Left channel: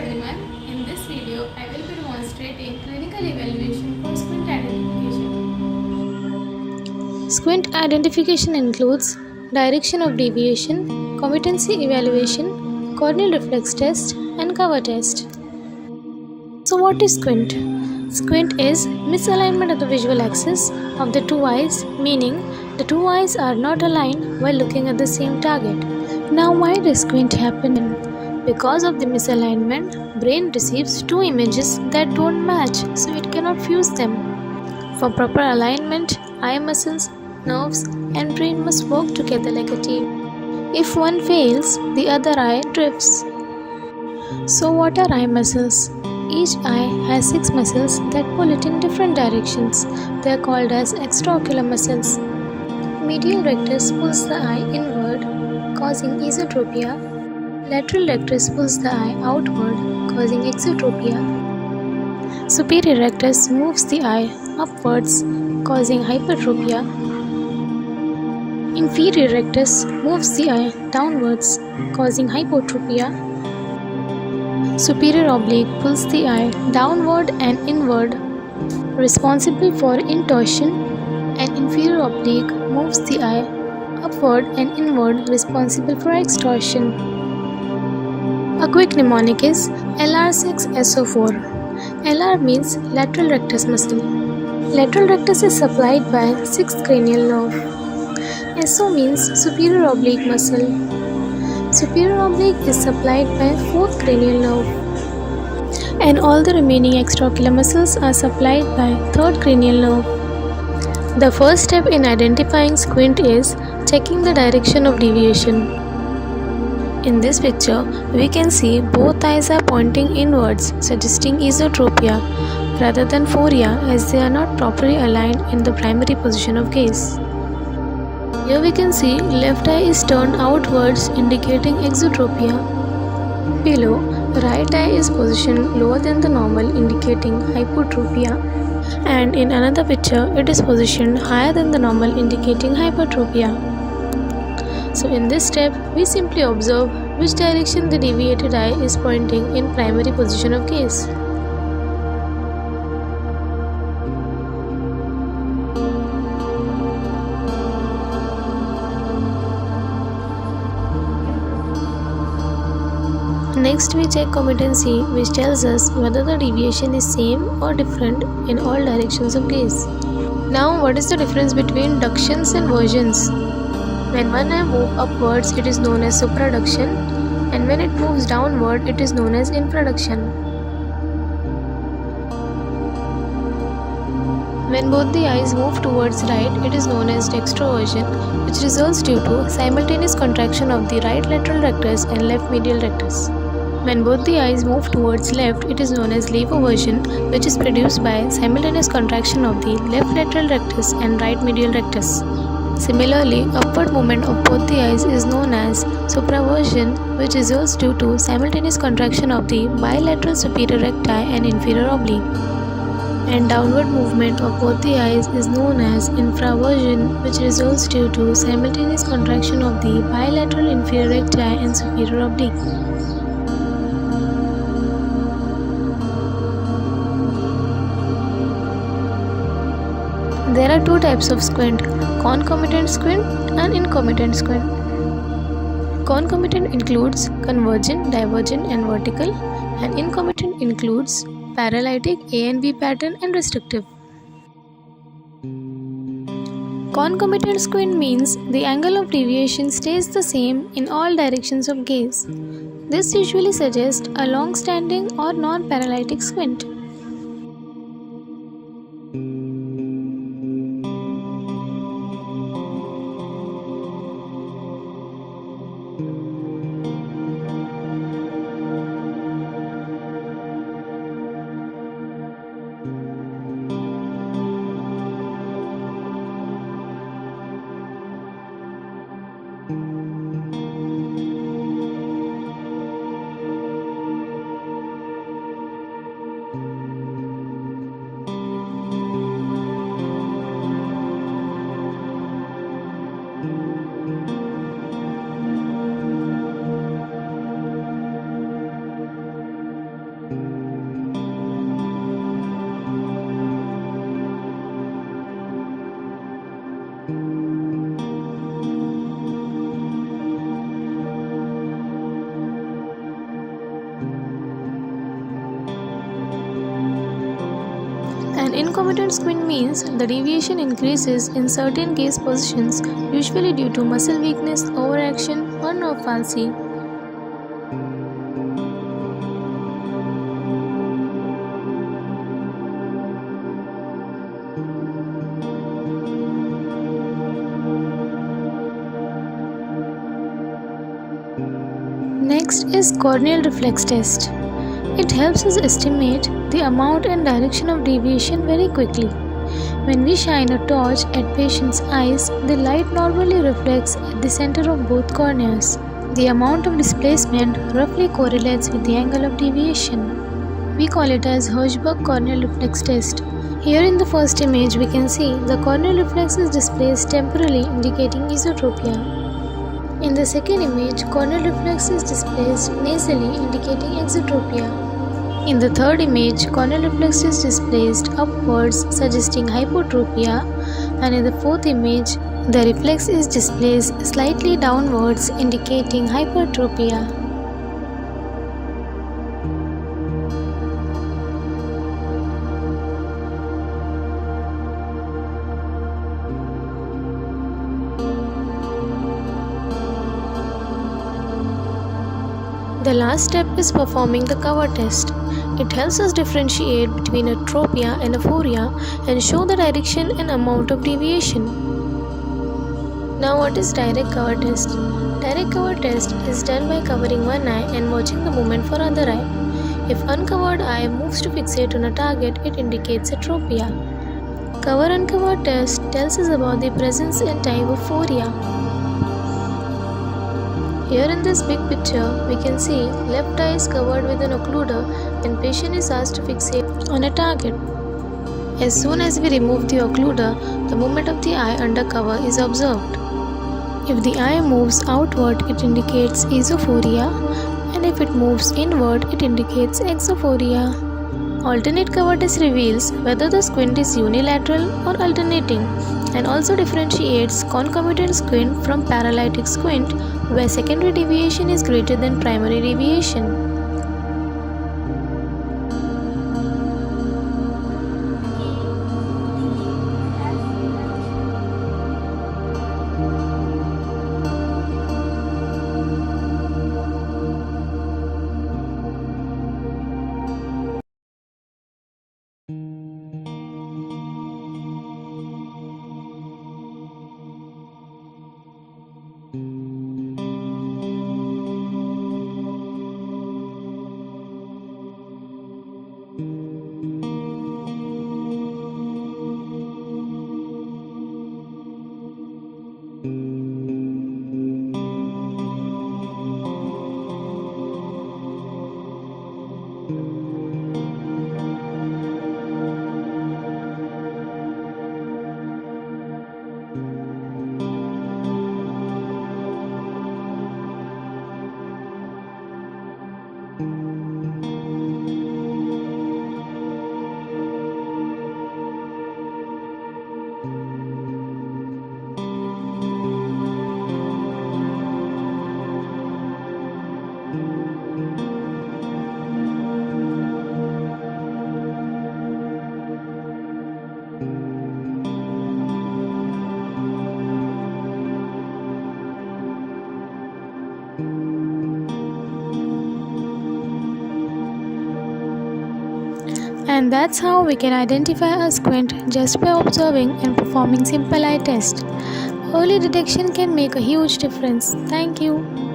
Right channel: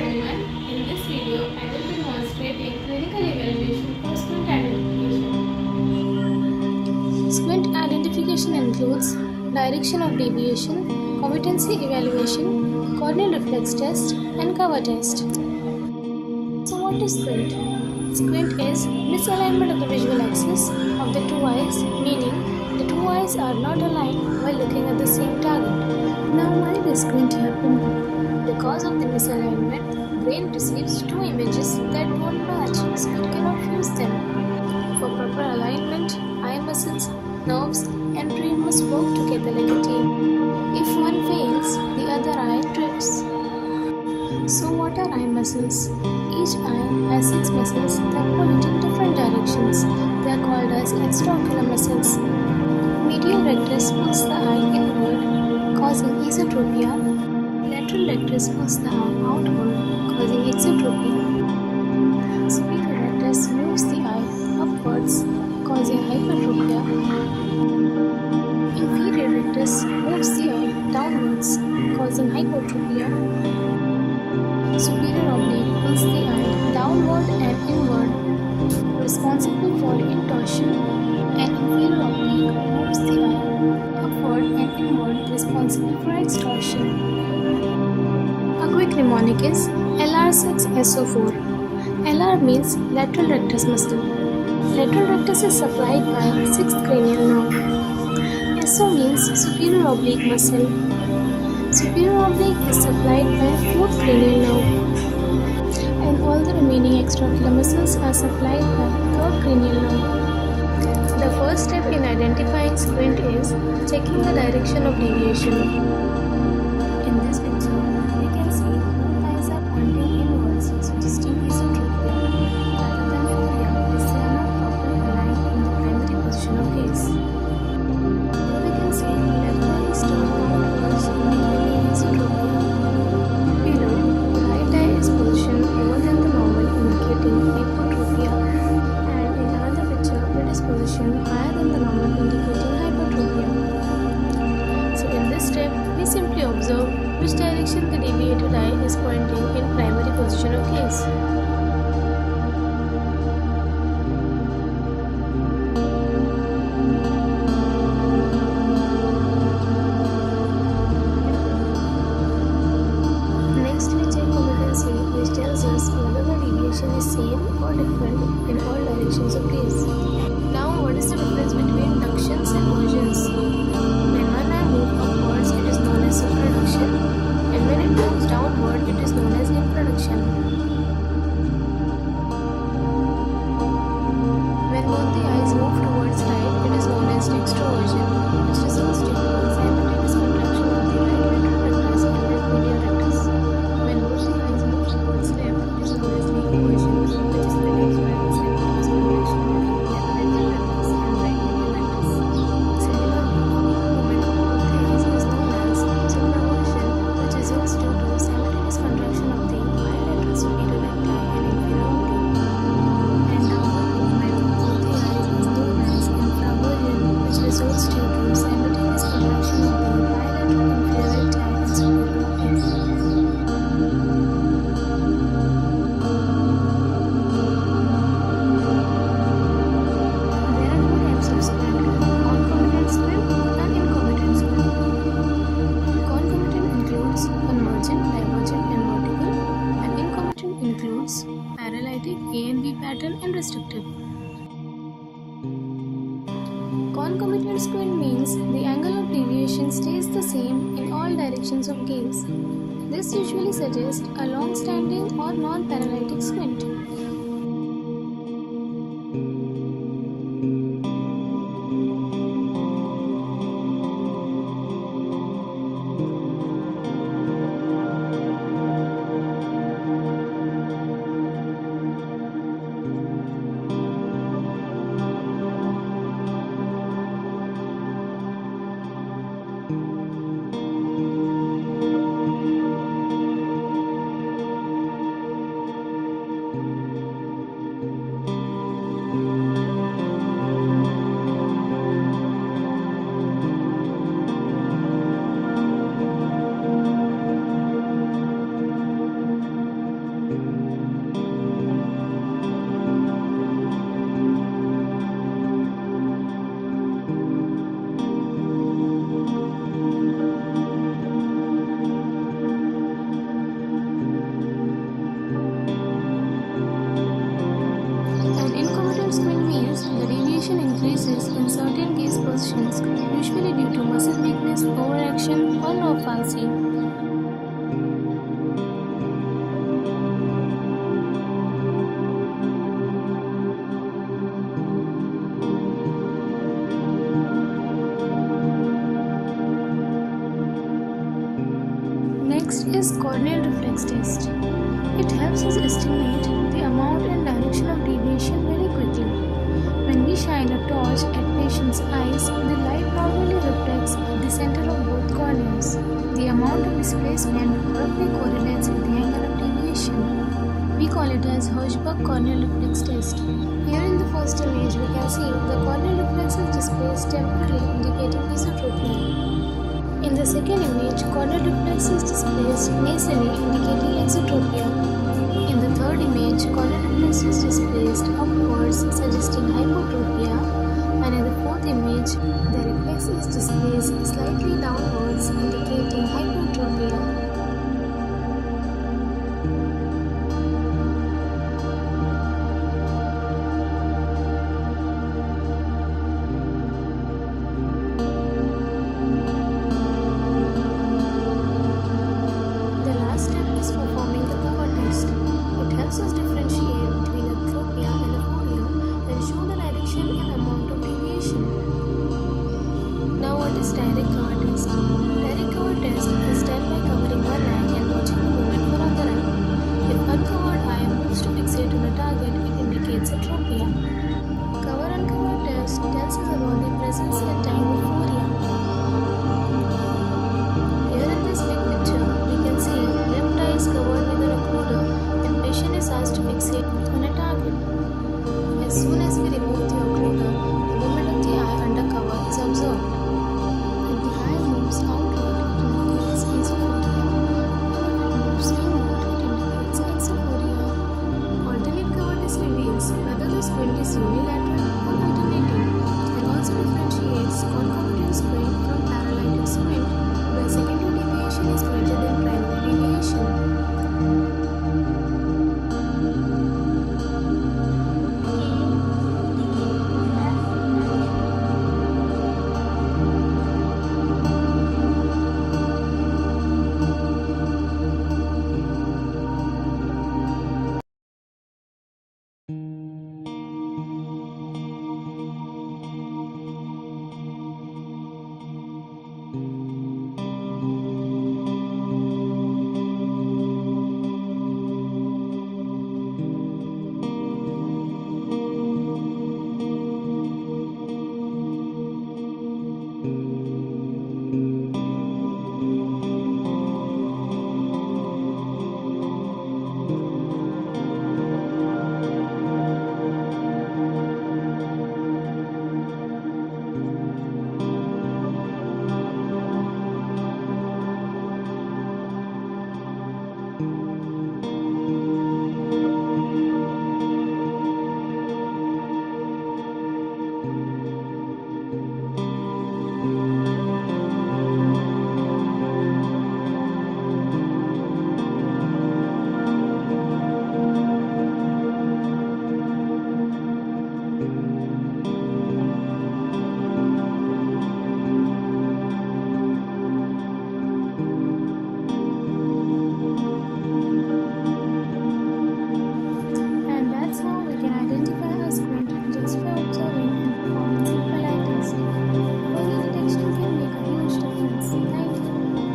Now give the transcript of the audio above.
everyone. In this video, I will be demonstrating clinical evaluation for squint identification. Squint identification includes direction of deviation, competency evaluation, corneal reflex test, and cover test. So what is squint? Squint is misalignment of the visual axis of the two eyes, meaning the two eyes are not aligned while looking at the same target. Now why does squint happen? Because of the misalignment, brain receives two images that don't match, so it cannot fuse them. For proper alignment, eye muscles, nerves, and brain must work together like a team. If one fails, the other eye drifts. So what are eye muscles? Each eye has 6 muscles that pull it in different directions. They are called as extraocular muscles. Medial rectus pulls the eye inward, causing esotropia. Lateral rectus pulls the eye outward, causing exotropia. Superior rectus moves the eye upwards, causing hypertropia. Inferior rectus moves the eye downwards, causing hypotropia. Superior oblique pulls the eye downward and inward, responsible for intorsion, and inferior oblique moves the eye upward and inward, responsible for extorsion. A quick mnemonic is LR6SO4. LR means lateral rectus muscle. Lateral rectus is supplied by 6th cranial nerve. SO means superior oblique muscle. Superior oblique is supplied by 4th cranial nerve. And all the remaining extraocular muscles are supplied by 3rd cranial nerve. The first step in identifying squint is checking the direction of deviation. In this picture, we can see both eyes are pointing inwards, suggesting esotropia rather than phoria, as they are not properly aligned in the primary position of gaze. Here we can see left eye is turned outwards, indicating exotropia. Below, right eye is positioned lower than the normal, indicating hypotropia. And in another picture, it is positioned higher than the normal, indicating hypertropia. So in this step, we simply observe which direction the deviated eye is pointing in primary position of gaze. Next, we check competency, which tells us whether the deviation is same or different in all directions of gaze. Now, what is the difference between ductions and versions? When one eye moves upwards, it is known as supraduction, and when it moves downward, it is known as infraduction. When both the eyes move towards right, it is known as dextroversion, which results due to simultaneous contraction of the right lateral rectus and left medial rectus. When both the eyes move towards left, it is known as levoversion, which is produced by simultaneous contraction of the left lateral rectus and right medial rectus. Similarly, upward movement of both the eyes is known as supraversion, which results due to simultaneous contraction of the bilateral superior recti and inferior oblique. And downward movement of both the eyes is known as infraversion, which results due to simultaneous contraction of the bilateral inferior recti and superior oblique. There are two types of squint, concomitant squint and incomitant squint. Concomitant includes convergent, divergent and vertical, and incomitant includes paralytic, A and B pattern and restrictive. Concomitant squint means the angle of deviation stays the same in all directions of gaze. This usually suggests a long-standing or non-paralytic squint. Concomitant squint means the deviation increases in certain gaze positions, usually due to muscle weakness, overaction, or nerve palsy. Next is corneal reflex test. It helps us estimate the amount and direction of deviation very quickly. When we shine a torch at patients' eyes, the light normally reflects at the center of both corneas. The amount of displacement roughly correlates with the angle of deviation. We call it as Hirschberg corneal reflex test. Here in the first image we can see the corneal reflex is displaced temporally, indicating esotropia. In the second image, corneal reflex is displaced nasally, indicating exotropia. In the third image, corneal reflex is displaced upwards, suggesting hypotropia. And in the fourth image, the reflex is displaced slightly downwards, indicating hypertropia. The last step is performing the cover test. It helps us differentiate between atropia and aphoria and show the direction and amount of deviation. Now what is direct cover test? Direct cover test is done by covering one eye and watching the movement for other eye. If uncovered eye moves to fixate on a target, it indicates atropia. Cover uncover test tells us about the presence and time of aphoria. Here in this big picture, we can see left eye is covered with an occluder and patient is asked to fixate on a target. As soon as we remove the occluder, the movement of the eye under cover is observed. If the eye moves outward, it indicates esophoria, and if it moves inward, it indicates exophoria. Alternate cover test reveals whether the squint is unilateral or alternating, and also differentiates concomitant squint from paralytic squint, where secondary deviation is greater than primary deviation. And that's how we can identify a squint just by observing and performing simple eye test. Early detection can make a huge difference. Thank you.